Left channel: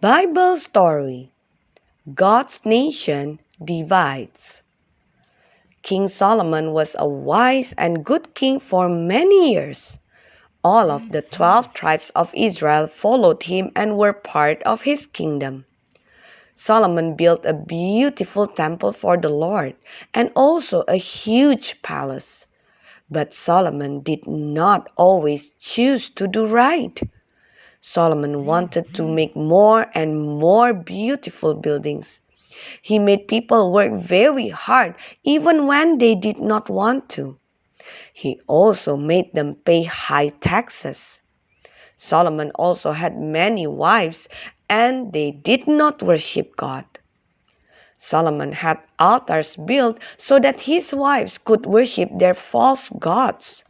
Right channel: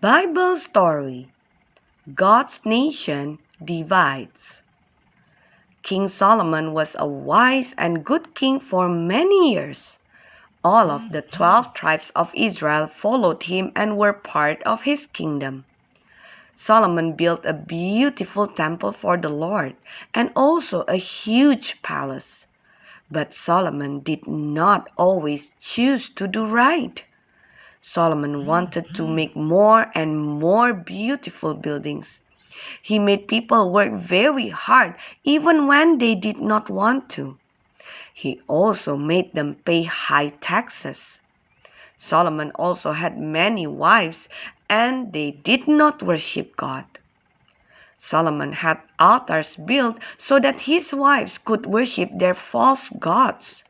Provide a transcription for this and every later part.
Bible story. God's nation divides. King Solomon was a wise and good king for many years. All of the 12 tribes of Israel followed him and were part of his kingdom. Solomon built a beautiful temple for the Lord and also a huge palace. But Solomon did not always choose to do right. Solomon wanted to make more and more beautiful buildings. He made people work very hard even when they did not want to. He also made them pay high taxes. Solomon also had many wives and they did not worship God. Solomon had altars built so that his wives could worship their false gods.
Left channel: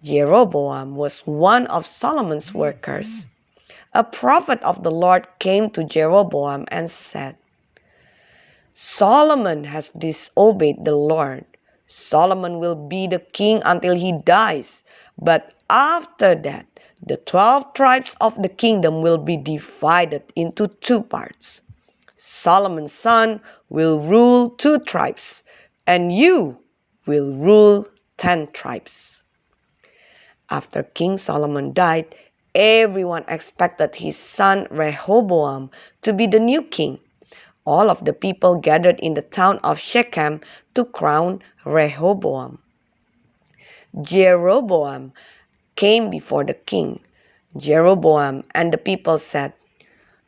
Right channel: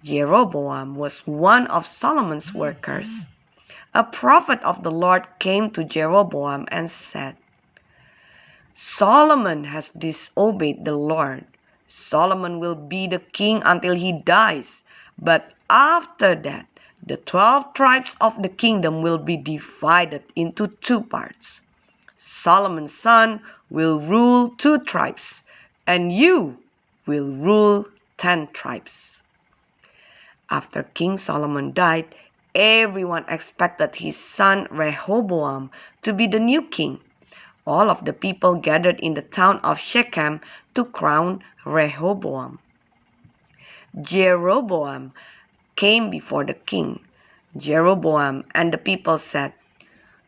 Jeroboam was one of Solomon's workers. A prophet of the Lord came to Jeroboam and said, "Solomon has disobeyed the Lord. Solomon will be the king until he dies, but after that, the 12 tribes of the kingdom will be divided into 2 parts. Solomon's son will rule 2 tribes, and you will rule 10 tribes." After King Solomon died, everyone expected his son Rehoboam to be the new king. All of the people gathered in the town of Shechem to crown Rehoboam. Jeroboam came before the king. Jeroboam and the people said,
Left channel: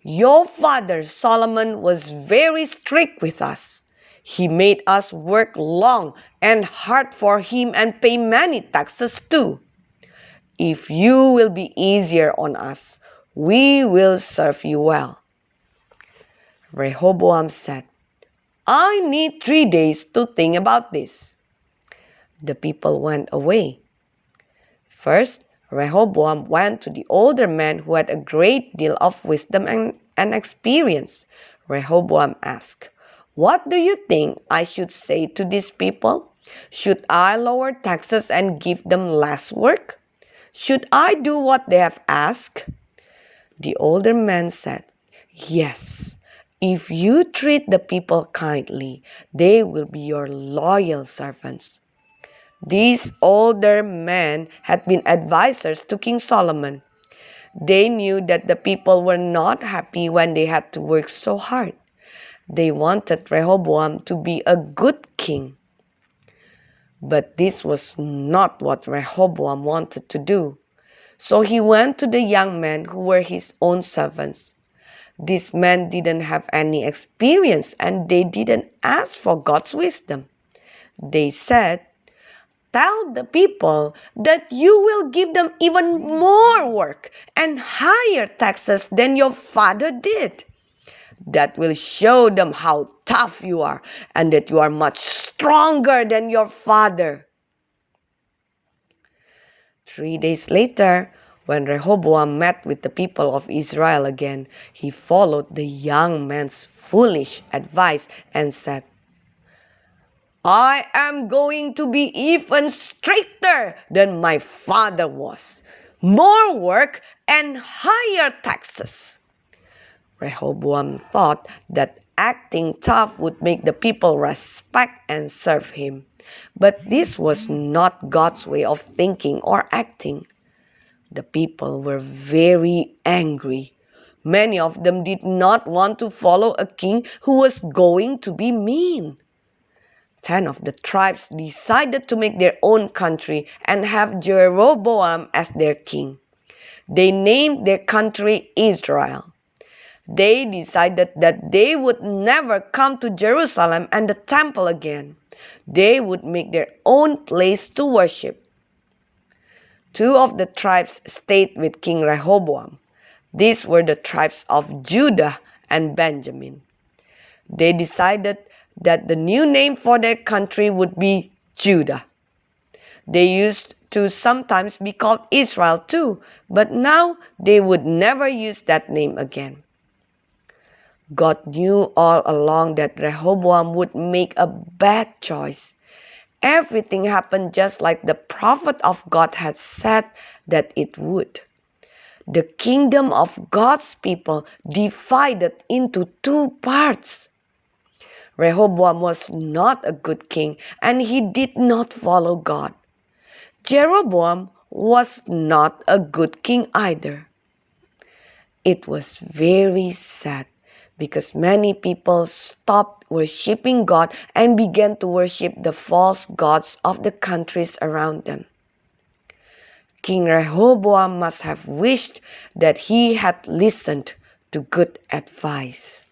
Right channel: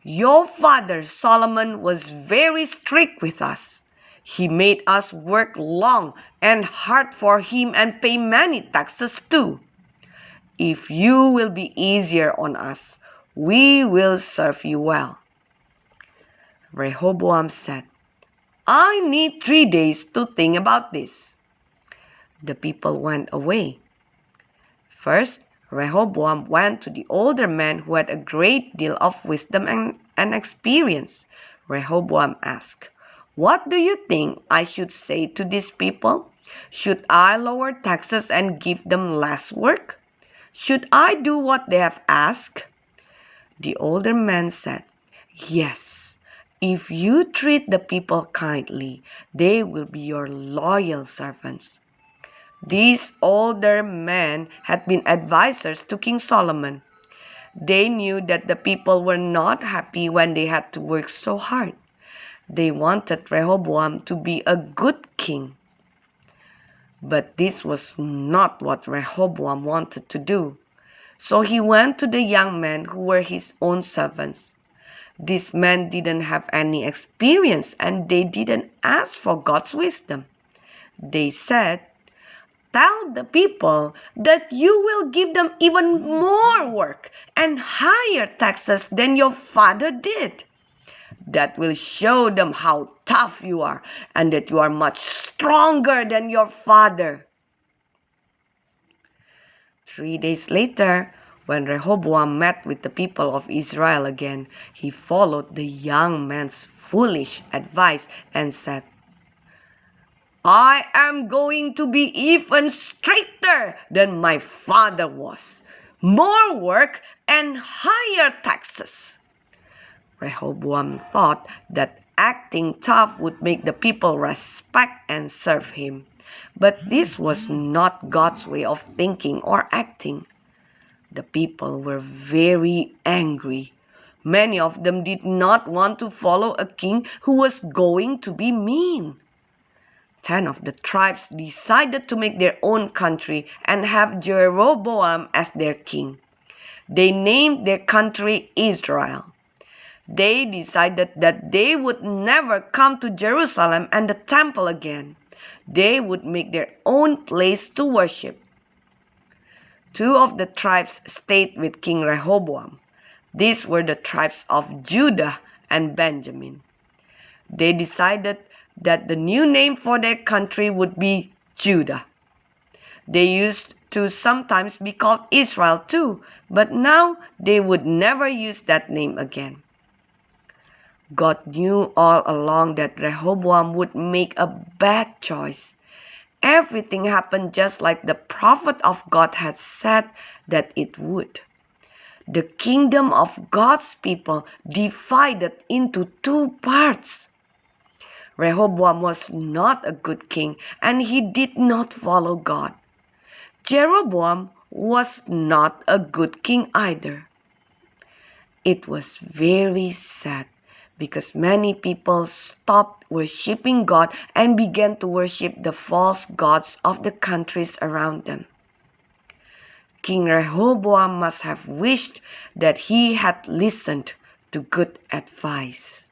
"Your father Solomon was very strict with us. He made us work long and hard for him and pay many taxes too. If you will be easier on us, we will serve you well." Rehoboam said, "I need 3 days to think about this." The people went away. First, Rehoboam went to the older man who had a great deal of wisdom and experience. Rehoboam asked, "What do you think I should say to these people? Should I lower taxes and give them less work? Should I do what they have asked?" The older man said, "Yes. If you treat the people kindly, they will be your loyal servants." These older men had been advisors to King Solomon. They knew that the people were not happy when they had to work so hard. They wanted Rehoboam to be a good king. But this was not what Rehoboam wanted to do. So he went to the young men who were his own servants. These men didn't have any experience and they didn't ask for God's wisdom. They said, "Tell the people that you will give them even more work and higher taxes than your father did. That will show them how tough you are and that you are much stronger than your father." 3 days later, when Rehoboam met with the people of Israel again, he followed the young man's foolish advice and said, "I am going to be even stricter than my father was. More work and higher taxes." Rehoboam thought that acting tough would make the people respect and serve him. But this was not God's way of thinking or acting. The people were very angry. Many of them did not want to follow a king who was going to be mean. 10 of the tribes decided to make their own country and have Jeroboam as their king. They named their country Israel. They decided that they would never come to Jerusalem and the temple again. They would make their own place to worship. 2 of the tribes stayed with King Rehoboam. These were the tribes of Judah and Benjamin. They decided that the new name for their country would be Judah. They used to sometimes be called Israel too, but now they would never use that name again. God knew all along that Rehoboam would make a bad choice. Everything happened just like the prophet of God had said that it would. the kingdom of God's people divided into two parts. Rehoboam was not a good king, and he did not follow God. Jeroboam was not a good king either. It was very sad because many people stopped worshiping God and began to worship the false gods of the countries around them. King Rehoboam must have wished that he had listened to good advice.